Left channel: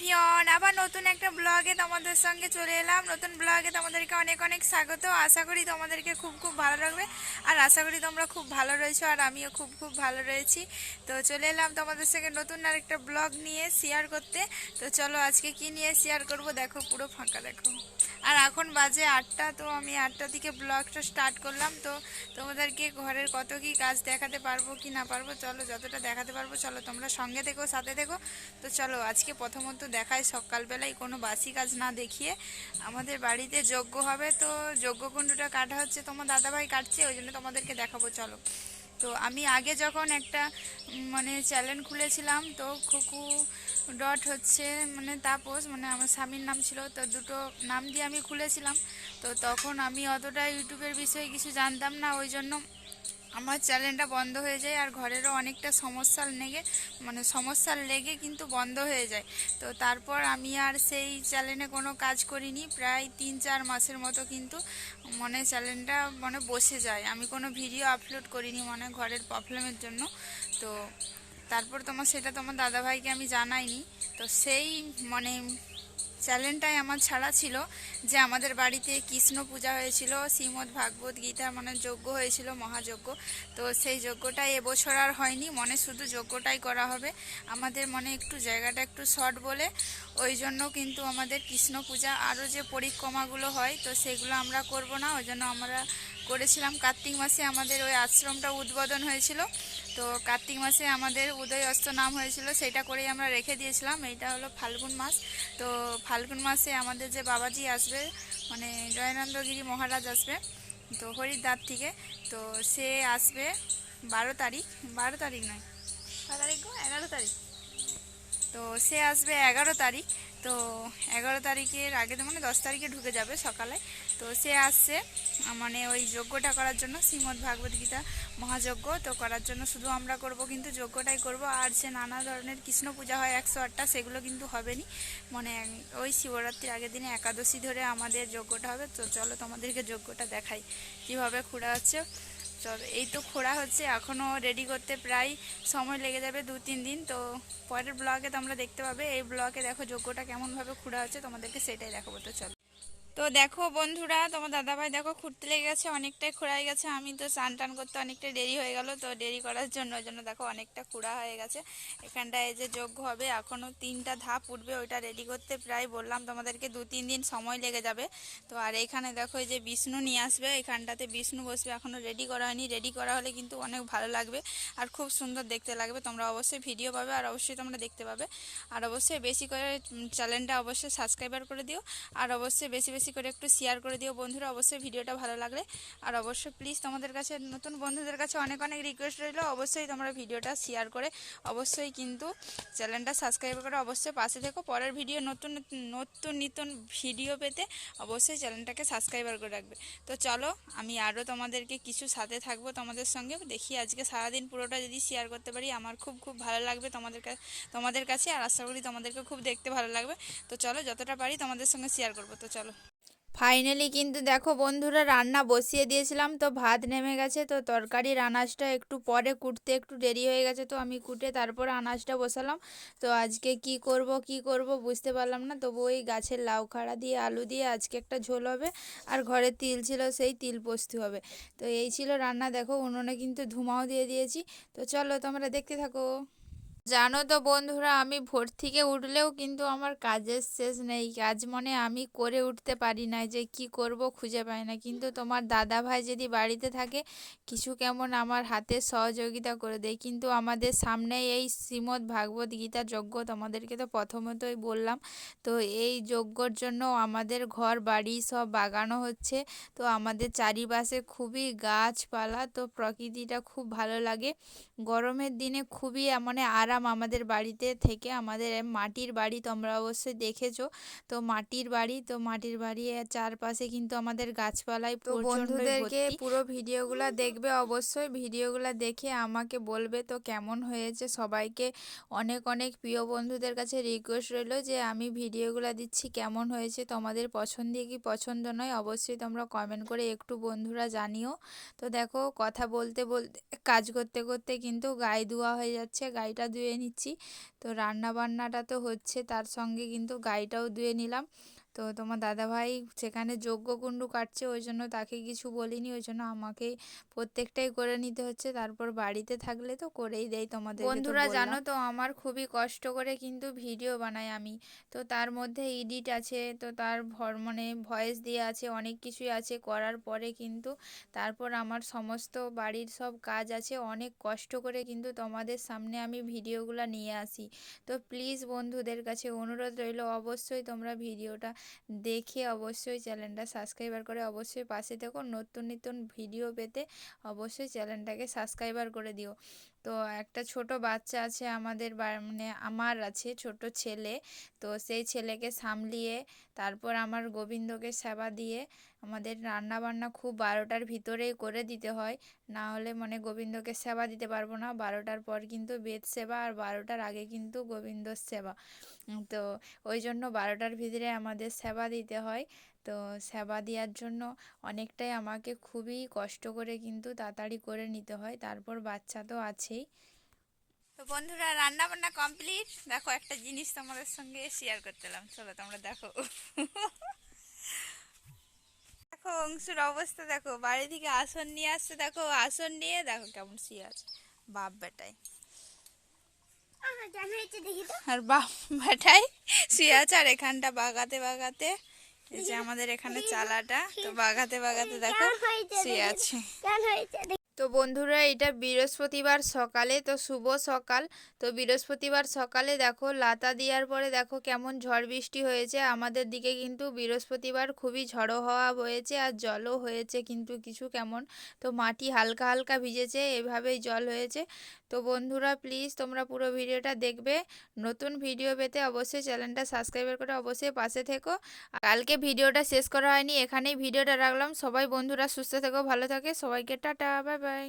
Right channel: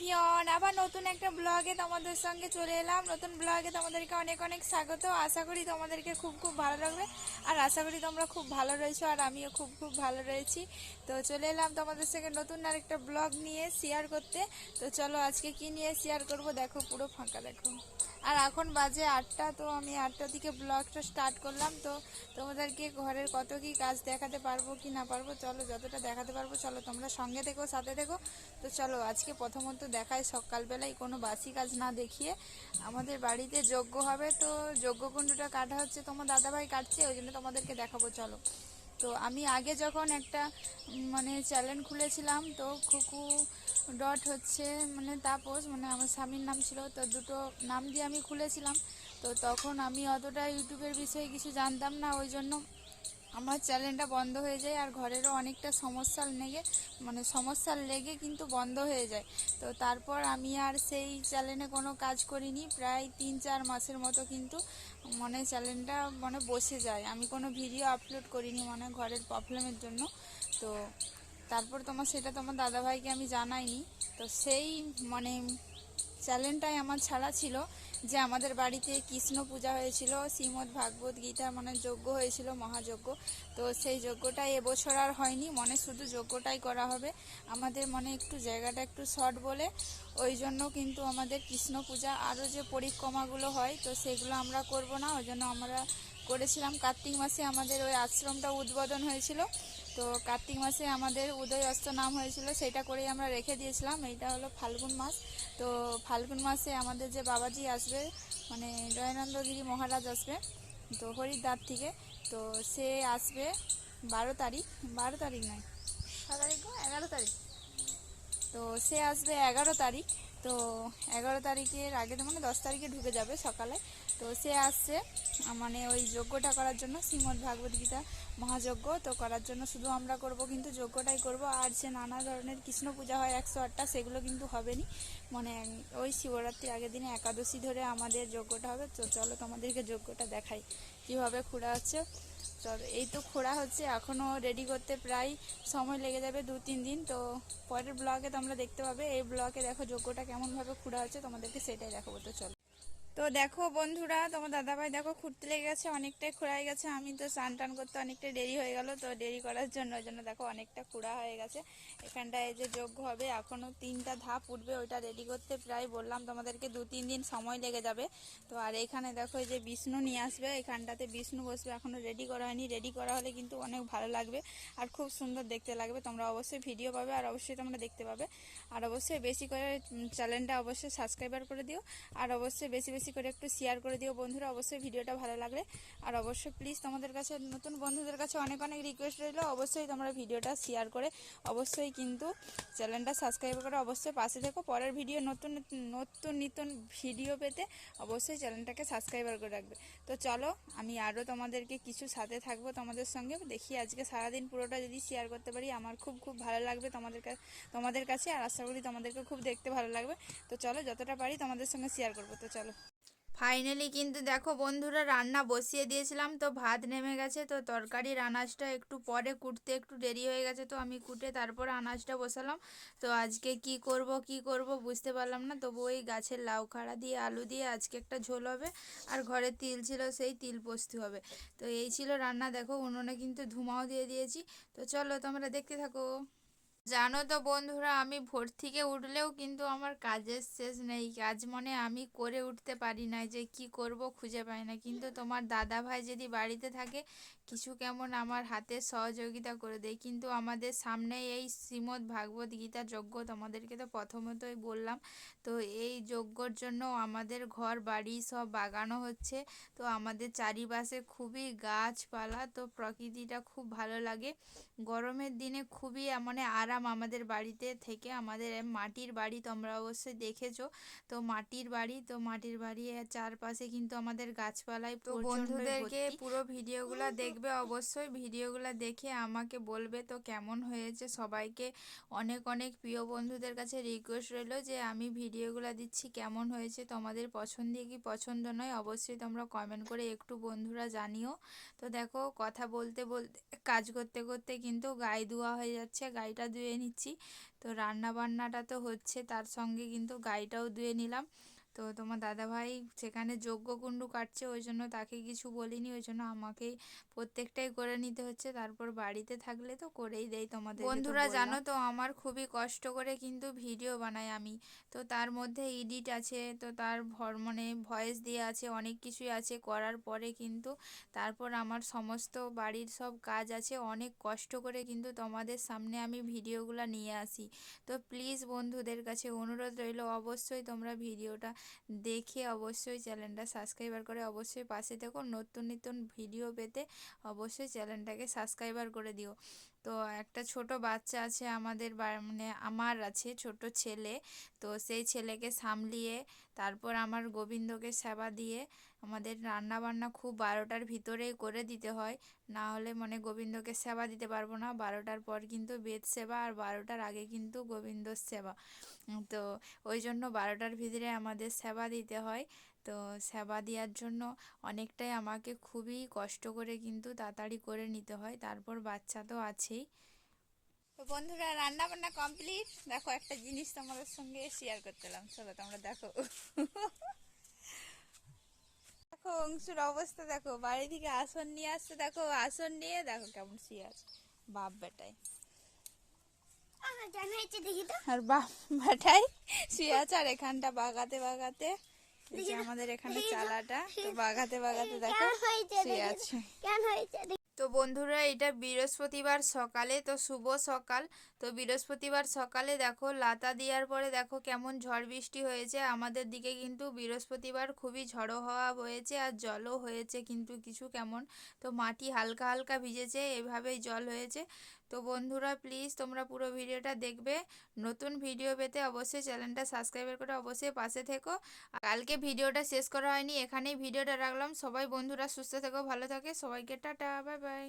Everyone, আবার নতুন একটা ব্লগে তোমাদের সঙ্গে চলে এলাম। নতুন ব্লগে তোমাদেরকে অনেক অনেক স্বাগত। আশা করি তোমাদেরকে খুব খুব ভালো লাগবে, আর আশা করি তোমরা খুব ভালো রয়েছো, আর আমিও খুব খুব ভালো রয়েছি। তো চলে এলাম তোমাদের সঙ্গে নতুন আরেকটা ব্লগ নিয়ে শেয়ার করতে। তো চলো আজকে কি নিয়ে শেয়ার করব, দেখো পুরো ফাঁকা দেখো। আর এখন বাজে 8টা, তো আমি 8টা থেকে ব্লগটা স্টার্ট করলাম। তো তোমাদেরকে ঘরের কত কি কাজ দেখাতে পারবো কি না পারবো, চলো যতটা দেখাতে পারবো চলো তোমরা সঙ্গে থেকো, সাথে থেকো। তো চলো আজকে প্রথমত দেখায়, সকালবেলায় কোনো বাসি কাজ না দেখিয়ে আমাদের বাড়িতে যজ্ঞ হবে। তো যজ্ঞকুণ্ডটা কাটা হচ্ছে, তোমার দাদাভাই কাটছে, ওই জন্য তোমাদেরকে দেখাবো চলো। তো আমি আগে যখন একটা মানে চ্যানেল খুলেছিলাম, তো খুকু ডট হচ্ছে মানে তাপস, মানে আমার স্বামীর নাম ছিল, তো দুটো নাম দিয়ে আমি খুলেছিলাম। তো তখন আমি অতটা ইউটিউবের বিষয়ে কিছু জানতাম না, ওই জন্য আমার চ্যানেলটা বন্ধ হয়ে যায়, আর ঘরেরও অনেকটা সমস্যা লেগে কিন্তু বন্ধ হয়ে যায়। তো তারপর আমি আর সেই চ্যানেলে কোনো কাজ করিনি, প্রায় 3-4 মাসের মতো কিন্তু মানে চ্যানেলটা মানে বসে যায়, আমি কোনো ভিডিও আপলোড করিনি মানে ঘরের প্রবলেমের জন্য। তো তারপর তোমার দাদাভাইকে আমি জানাইনি। তো সেই মানে চ্যানেলটাই আমার ছাড়া ছিল, যে আমাদের বাড়িতে কৃষ্ণ পূজা হয়েছিল, শ্রীমদ্ ভাগবত গীতা মানে যজ্ঞ হয়েছিল, মহাযজ্ঞ। তো সেই যজ্ঞটা এবছর আর হয়নি, মনে শুধু যজ্ঞটাই করা হবে। আমাদের মনে একটু জায়গাটা একটু শর্ট বলে ওই জন্য কিন্তু আমাদের কৃষ্ণ পূজা আরও যে পরিক্রমাগুলো হয়, তো সেগুলো আমরা করব না, ওই জন্য আমরা করেছিলাম কার্তিক মাসে আমাদের ওই আশ্রমটা উদ্বোধন হয়েছিল। তো কার্তিক মাসে আমাদের উদয় অস্ত নাম হয়েছিল, সেটা করেই আমরা রেখে দিয়েছিলাম। এইটা হলো ফাল্গুন মাস। তো ফাল্গুন মাসে আমাদের যে বাবাজি আসবে, মানে জয়নন্দগিরি মহারাজ আসবে, তো হরিদ্বার থেকে। তো সে আসবে 12 তারিখ, 12 তারিখ নয়, কত তারিখ গো, 11 তারিখ। তো সে আসবে 11 তারিখ। তো 11 তারিখের আগে তো মানে 10 তারিখে ঢুকে যাবে সকালে। তো সে আসছে মানে ওই যজ্ঞটা করার জন্য, শ্রীমদ্ ভাগবত গীতা মহাযজ্ঞ তো করার জন্য শুধু আমরা করব, কিন্তু যজ্ঞটাই করব। আর যে নানা ধরনের কৃষ্ণ পূজা হয় 108টা, সেগুলো কিন্তু হবে নি। মানে ওই শিবরাত্রির আগের দিনে একাদশী ধরে আমাদের যজ্ঞটা হবে। তো চলো তোমাদেরকে যজ্ঞটা দেখাই কীভাবে খোঁড়া হচ্ছে। চলো, এই তো খোঁড়া হচ্ছে, এখনও রেডি করতে প্রায় সময় লেগে যাবে 2-3 দিন। তো পরের ব্লগে তোমরা দেখতে পাবে, এই ব্লগে দেখো যজ্ঞটা কেমনভাবে খোঁড়া হচ্ছে, তোমাদেরকে সেটাই দেখাবো। তো চলো, তো দেখো বন্ধুরা, তোমার দাদাভাই দেখো খুঁড়তে লেগে গেছে, অনেকটাই খোঁড়াই গেছে। আমি তো চান টান করতে অনেকটা দেরি হয়ে গেল, তো দেরি করার জন্য ওই জন্য দেখো অনেকটা খোঁড়া হয়ে গেছে। এখানটায় এই যে যজ্ঞ হবে, এখনও 3টা ধাপ উঠবে, ওইটা রেডি করতে প্রায় বললাম তোমাদেরকে 2-3 দিন সময় লেগে যাবে। তো আর এখানে দেখো এই যে বিষ্ণু নিয়ে আসবে, এখানটাতে বিষ্ণু বসবে, এখনও রেডি করা হয়নি। রেডি করা হলে কিন্তু অনেক ভালো লাগবে আর খুব সুন্দর দেখতে লাগবে। তোমরা অবশ্যই ভিডিও পাবে, আর অবশ্যই তোমরা দেখতে পাবে। আর অবশ্যই বেশি করে চ্যানেলটা অবশ্যই সাবস্ক্রাইবার করে দিও, আর অবশ্যই বেশি বেশি করে একটু শেয়ার করে দিও বন্ধুরা, অবশ্যই ভিডিওটা ভালো লাগলে। আর অবশ্যই প্লিজ তোমাদের কাছে, নতুন বন্ধুদের কাছে অনেক অনেক রিকোয়েস্ট রইলো, অবশ্যই তোমরা ভিডিওটা শেয়ার করে অবশ্যই কিন্তু চ্যানেলটা সাবস্ক্রাইব করে অবশ্যই পাশে থেকো। পরের ভিডিও নতুন নতুন নতুন ভিডিও পেতে অবশ্যই চ্যানেলটাকে সাবস্ক্রাইবার করে রাখবে। তো চলো, আমি আরও তোমাদেরকে কিছু সাথে থাকবো তোমাদের সঙ্গে, দেখি আজকে সারাদিন পুরোটা যদি শেয়ার করতে পারি আমার খুব খুব ভালো লাগবে তোমাদের কাছে, আর আশা করি তোমাদেরকে খুব দেখতে ভালো লাগবে। তো চলো, যতটা পারি তোমাদের সঙ্গে শেয়ার করবো। তো চলো, ফাইনালি কিন্তু দেখো বন্ধুরা, রান্না বসিয়ে দিয়েছিলাম, তো ভাত নেমে গেছে। তো তরকারির আনাজটা একটু পরে কুটতে একটু দেরি হয়ে গেছে, তো আমি কুটে তারপর আনাজটা বসালাম। তো আজকে কি করব বুঝতে পারলাম না, তবু ওই গাছের লাউ খাড়া দিয়ে আলু দিয়ে আজকে একটা ঝোল হবে, আর ঘরে তিল ছিল, সেই তিল পোস্ত হবে। তো এই ছিল রান্না। দেখো উনুনে কিন্তু ধুমাও দিয়ে দিয়েছি। তো চলো তোমরা দেখতে থাকো। জানো তো বন্ধুরা, আমি ভোর থেকে উঠলেও কিন্তু আমার কাজের শেষ নেই, কাজ মনে আমি করে উঠতে পারি না, যে কি করব খুঁজে পাই না। কিন্তু তোমার দাদা ভাই যদি বাড়িতে থাকে, কিছু কেমন আমার হাতে সহযোগিতা করে দেয়। কিন্তু আমাদের সামনে এই শ্রীমদ্ ভাগবত গীতা যজ্ঞ, তোমাদেরকে তো প্রথমতই বললাম। তো এই যজ্ঞর জন্য আমাদের ঘর বাড়ি সব বাগানো হচ্ছে। তো আমাদের চারিপাশে খুবই গাছপালা, তো প্রকৃতিটা খুব ভালো লাগে। গরমের দিনে খুবই মানে আরাম আমাদের বাড়িতে থেকে। আমাদের মাটির বাড়ি, তোমরা অবশ্যই দেখেছো। তো মাটির বাড়ি চারপাশে কিন্তু আমাদের গাছপালায় তো বন্ধুদেরকে পুরো ভিডিওগুলো দেখবে, অবশ্যই ভিডিওগুলো দেখে আমাকে বলবে তো কেমন হয়েছে। সবাইকে অনেক অনেক প্রিয় বন্ধুদের কাছে রিকোয়েস্ট রইলো, যে আমি ভিডিওগুলো দিচ্ছি কেমন হয়েছে, তোমাদের পছন্দ কি পছন্দ নয় অবশ্যই তোমরা কমেন্ট করে একটু বন্ধুরা জানিও। তো দেখো কথা বলতে বলতে কাজ করতে করতে কিন্তু গায়ে ধোয়া হয়ে যাচ্ছে, গাড়িটা ধুয়ে নিচ্ছি। তো রান্না বান্নাটা তো হচ্ছে, তার সঙ্গে কিন্তু গাইটাও ধুয়ে নিলাম। তো তোমার দাদাভাই সেখানে যজ্ঞকুণ্ড কাটছে, ওই জন্য তাকে কিছু বলিনি, ওই জন্য আমাকেই প্রত্যেকটাই করে নিতে হচ্ছে। তারপর বাড়িতে থাকলে তো করেই দেয় তোমাদের। বন্ধুরা জানো তো আমার খুবই কষ্ট করে কিন্তু ভিডিও বানাই আমি। তো তার মধ্যে এডিট আছে, তো তার মানে ভয়েস দিয়ে আছে, অনেক কিছুই আছে করার পরে কিন্তু তারপর আমার সমস্ত বাড়ির সব কাজ আছে, অনেক কষ্ট করে কিন্তু তোমাদের সামনে আমি ভিডিওগুলো নিয়ে আসি। তো প্লিজ বন্ধুদের কাছে অনুরোধ রইল, অবশ্যই তোমরা ভিডিওটা দেখে অবশ্যই চ্যানেলটা সাবস্ক্রাইবার করে অবশ্যই পাশে থেকো। নতুন নতুন ভিডিও পেতে অবশ্যই চ্যানেলটাকে সাবস্ক্রাইবার করে দিও। তো একটা ছোট বাচ্চা আছে আমাদের মানে আমার আছে ছোট ছেলে। তো সেই ছেলেকে সামলিয়ে তারপর আমার গোবিন্দকে সেবা দিয়ে আমাদের রান্না বান্না খুব 12টার ভিতরেই করে দিতে হয়, না হলে মানে গোবিন্দকে সেবা দিতে পারবো না। 12টার পর কিন্তু বেদ সেবা, আর 12টার আগে কিন্তু গোবিন্দর সেবা। তো ওই জন্য 12টার ভিতরে আমাদের সেবা দিতে হয়। তো সেবা দেওয়ার জন্য অনেকটাই আমাকে খুবই কষ্ট করে কিন্তু তাড়াতাড়ি করে নিতে হয়, তারপর বাচ্চা তো আছেই। তো বন্ধুরা রান্না বান্না কমপ্লিট। দেখো একটা জিনিস তোমাদের সঙ্গে শেয়ার করতেলাম, চলো তোমরা দেখো। দেখো অংশুর অবস্থা দেখো, বাড়ি থেকে আসন নিয়ে আসছে, দেখো আসন নিয়ে দেখো কেমন শুয়ে আছে বাপ বেটায়। আর বাপ বেটাই শুয়ে আছে, আর এখানটা বাগাতে বাগাতে, এই যে আমাদের এখানে চালাটা, তো বাগাতে বাগাতে দেখো শুয়ে আছে। তো বন্ধুরা এটা বৃহস্পতিবার সকালে, তো শুভ সকাল। তো বৃহস্পতিবার সকালে দেখো লাতা দেওয়ার পরে দেখো কেমন ঝড় বৃষ্টি হয়েছে আমাদের দিকে, কিন্তু বৃহস্পতিবার খুবই ঝড়ো হওয়া হয়েছে আর জলও হয়েছে কিন্তু কিছু কেমন। তো মাটি হালকা হালকা ভিজেছে, এভাবেই জল হয়েছে। তো বন্ধুরা প্লিজ তোমরা পুরো ভিডিওটা দেখবে। নতুন ভিডিও পেতে অবশ্যই চ্যানেলটা সাবস্ক্রাইব করে অবশ্যই পাশে থেকো। কালকে ভিডিওটা শেষ করা হয়নি, এখানেই ভিডিওটা রাখলাম। সবাই বন্ধুরা সুস্থ থেকো, ভালো থাকে, সবাইকে টাটা, বাই বাই।